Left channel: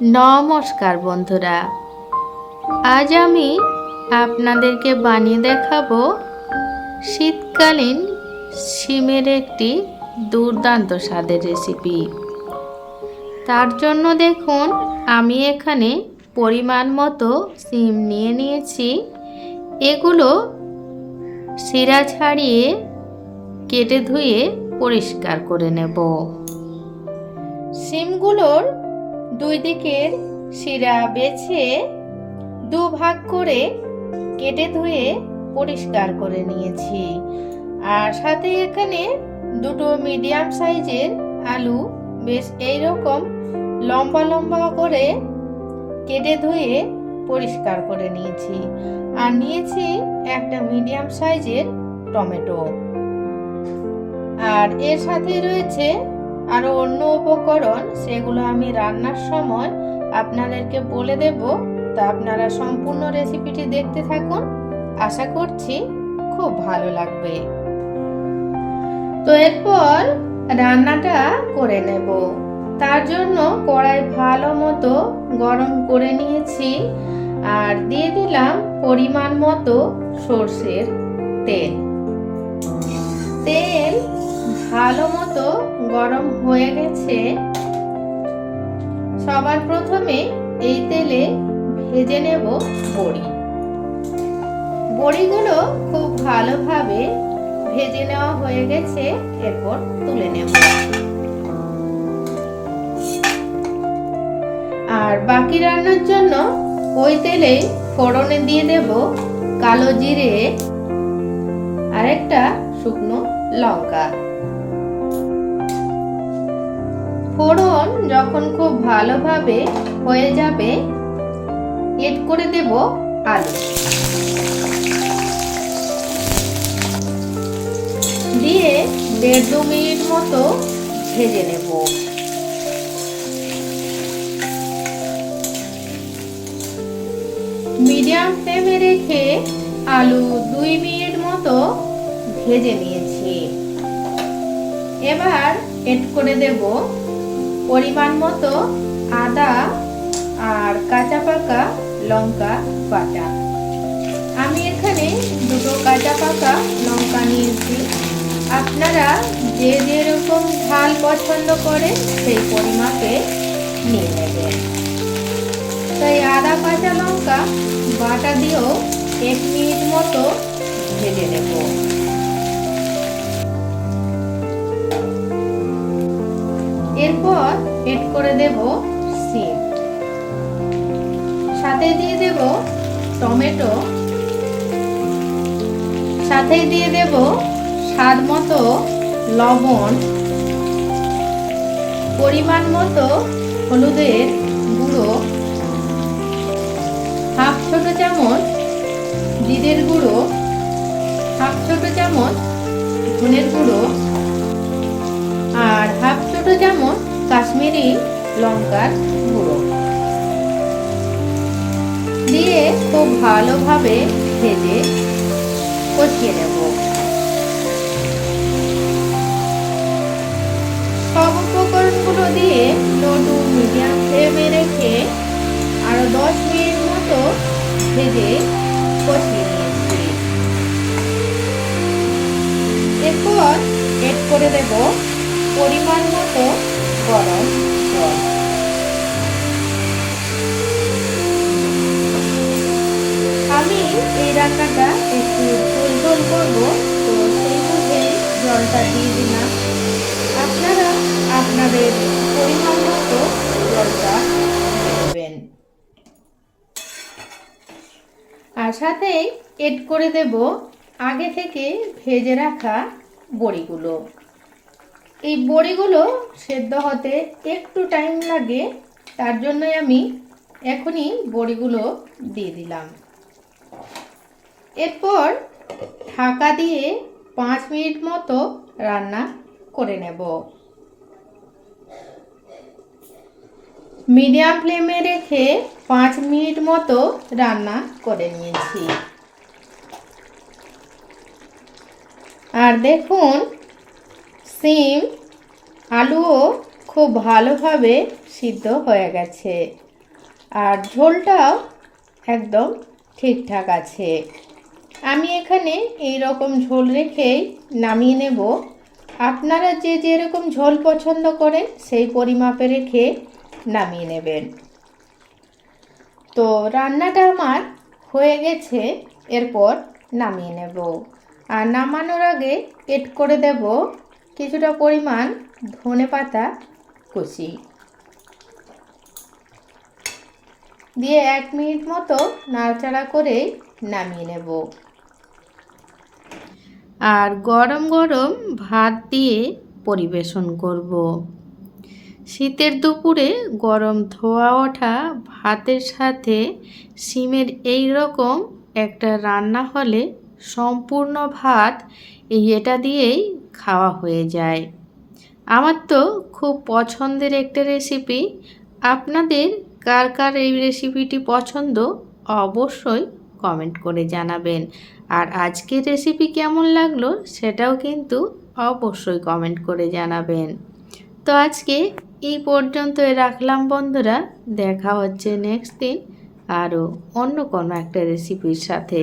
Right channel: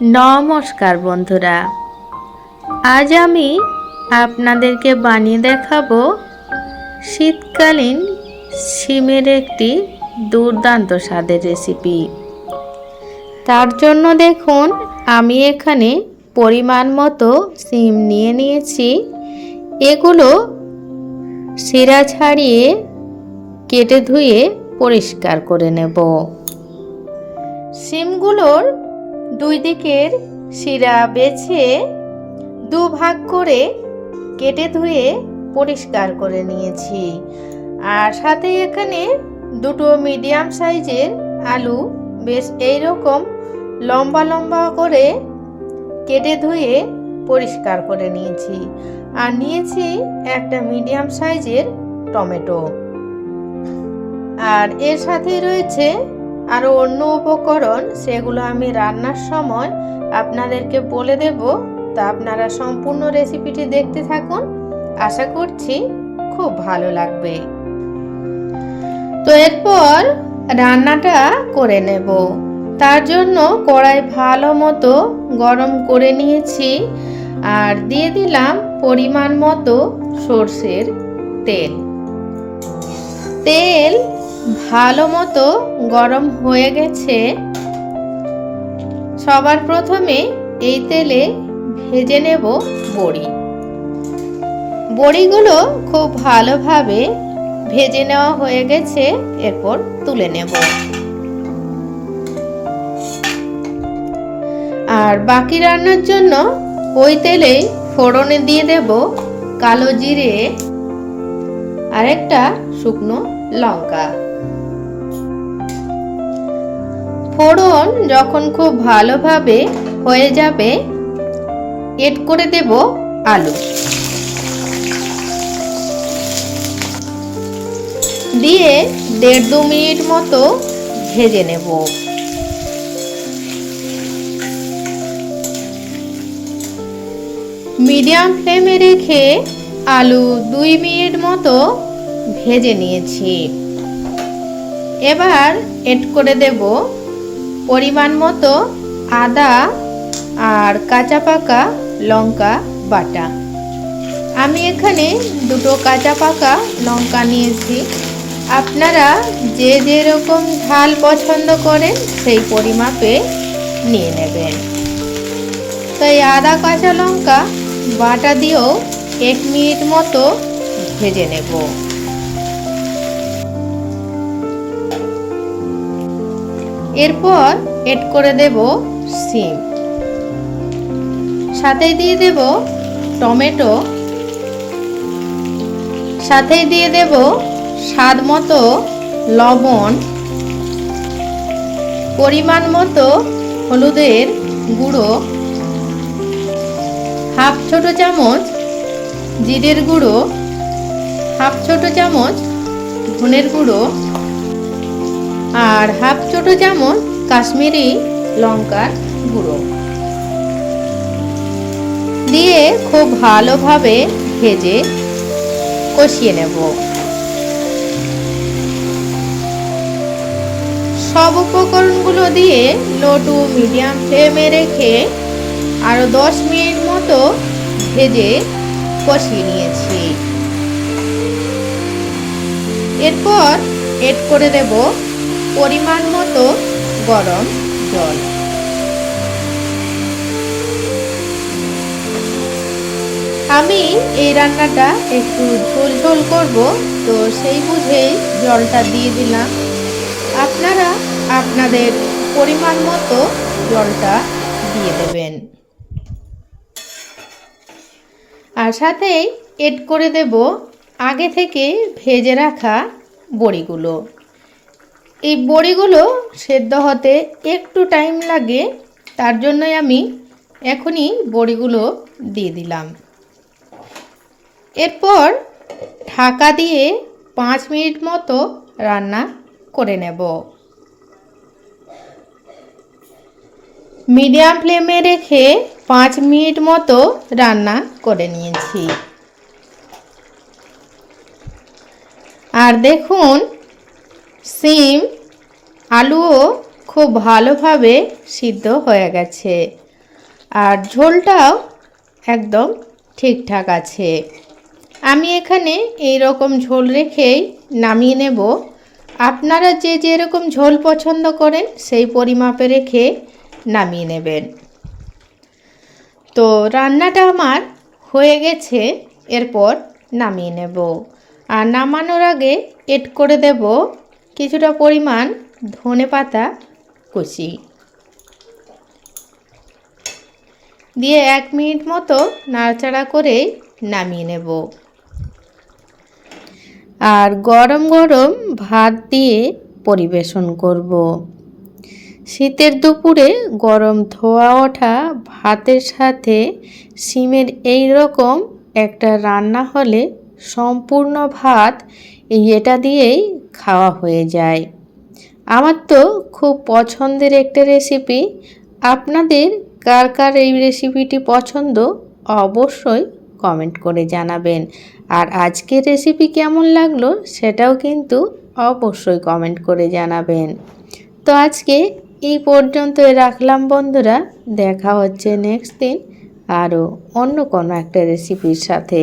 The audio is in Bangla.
নমস্কার বন্ধুরা। আজ আমি আপনাদেরকে বানিয়ে দেখাবো শীতকালীন শিমের একটি দুর্দান্ত স্বাদের রেসিপি তার জন্য দেখুন, আমি এখানে পরিমাণ মতো শিম নিয়ে নিয়েছি। এগুলো শিরা ছাড়িয়ে কেটে ধুয়ে পরিষ্কার করে নেব। শিমগুলোর দুই দিকের শিরা বেছে দু ভাগ করে কেটে ধুয়ে পরিষ্কার করে নিয়েছি। আর সাথে এখানে দুটো মিডিয়াম সাইজের আলু, বেশ এইরকম লম্বা লম্বা করে কেটে ধুয়ে পরিষ্কার করে নিয়েছি। আর নিয়েছি একটা মিডিয়াম সাইজের টমেটো। আর এর সাথে রয়েছে আরও অন্য উপকরণ, সেগুলো আমি রান্নার সময় আপনাদেরকে বলে দেব। তা আপনারা সম্পূর্ণ রেসিপিটি দেখতে থাকুন। আশা করছি খুব ভালো লাগবে। তো এরপর রান্নাটা করে নেব। তার জন্য কড়াই ভালো মতো গরম করে নিয়েছি আর দিয়ে দিলাম পরিমাণ মতো সর্ষের তেল। তেল ভালো মতো গরম হয়ে গেছে। সবার প্রথমে এই তেলে ভেজে নেব বড়ি। বড়িগুলো খুব ভালোভাবে ভেজে নেওয়া হয়ে গেছে, এরপর তুলে নেব। আর বাকি রান্নার জন্য ওই তেলে ফোড়নে দিয়ে দেব কালো জিরে আর একটা শুকনো লঙ্কা। ফোড়ন যখন খুব ভালোভাবে হয়ে যাবে, এড করে দেব আলু। দিয়ে দেড় দু মিনিট মতো ভেজে নেব। মিডিয়াম ফ্লেমে রেখে আলু দুই মিনিট মতো ভেজে নিয়েছি। এবার এড করে দেব পরিমাণ মতো আদা আর কাঁচা পাকা লঙ্কা বাটা। আমি এখানে দুটো কাঁচা পাকা লঙ্কা নিয়েছি। আপনারা যে যেরকম ঝাল পছন্দ করেন সেই পরিমাপে নিয়ে নেবেন। তো এই আদা, কাঁচা লঙ্কা বাটা দিয়েও এক মিনিট মতো ভেজে নেব। এরপর এড করে দেব সিম। সাথে দিয়ে দেব টমেটো। সাথে দিয়ে দেব স্বাদ মতো লবণ। পরিমাণ মতো হলুদের গুঁড়ো। হাফ ছোট চামচ জিরের গুঁড়ো। হাফ ছোট চামচ ধনের গুঁড়ো। আর হাফ ছোট চামচ কাশ্মীরি লঙ্কার গুঁড়ো। দিয়ে খুব ভালোভাবে ভেজে কষিয়ে নেব। সব উপকরণগুলো দিয়ে লো টু মিডিয়াম ফ্লেমে রেখে আরও দশ মিনিট মতো ভেজে কষিয়ে নিয়েছি। এরপর এড করে দেব পরিমাণ মতো গরম জল। আমি এই রান্নাটা একটু ঝোল ঝোল করব, তো সেই বুঝেই জলটা দিয়ে দিলাম। আপনারা আপনাদের পরিমাণ মতো জলটা দিয়ে দেবেন। আর সাথেই এড করে দেব আগে থেকে ভেজে রাখা বড়িগুলো। এই বড়িগুলো সেদ্ধ হতে একটু টাইম লাগে, তার জন্যই আমি এখনই বড়িগুলো দিয়ে দিলাম। এরপর ঢাকা দিয়ে পাঁচ মিনিট মতো রান্না করে নেব। মিডিয়াম ফ্লেমে রেখে পাঁচ মিনিট মতো রান্না করে নিয়েছি। আর দেখুন সিম, আলুও খুব ভালোভাবে সিদ্ধ হয়ে গেছে। আর ঝোলটাও একদম ঠিকঠাক আছে। আমি এখানে এই রকম ঝোল রেখেই নামিয়ে নেব। আপনারা যে যেরকম ঝোল পছন্দ করেন, সেই পরিমাপে রেখে নামিয়ে নেবেন। তো রান্নাটা আমার হয়ে গেছে, এরপর নামিয়ে নেব। আর নামানোর আগে এড করে দেব কিছুটা পরিমাণ ধনে পাতা কুচি। দিয়ে এক মিনিট মতো নাড়াচাড়া করে নামিয়ে নেব। আর গরম গরম ভাত দিয়ে পরিবেশন করব। শীতের দুপুরে গরম ধোয়া ওঠা ভাতের সাথে সিমের এই রকম একটা রান্না হলে সম্পূর্ণ ভাত এটা দিয়েই খাওয়া হয়ে যায়। আমার তো খুব পছন্দের একটা রেসিপি আপনাদের কার কার এই রেসিপিটি পছন্দ অবশ্যই কমেন্ট করে জানাবেন। আর আজকের রেসিপি কেমন লাগল সেটাও কিন্তু অবশ্যই কমেন্ট করে জানাবেন। তো আজকে এই পর্যন্তই রাখলাম বন্ধুরা। দেখা হচ্ছে নেক্সট দিন আরও অন্য কোনো একটা রেসিপির সাথে।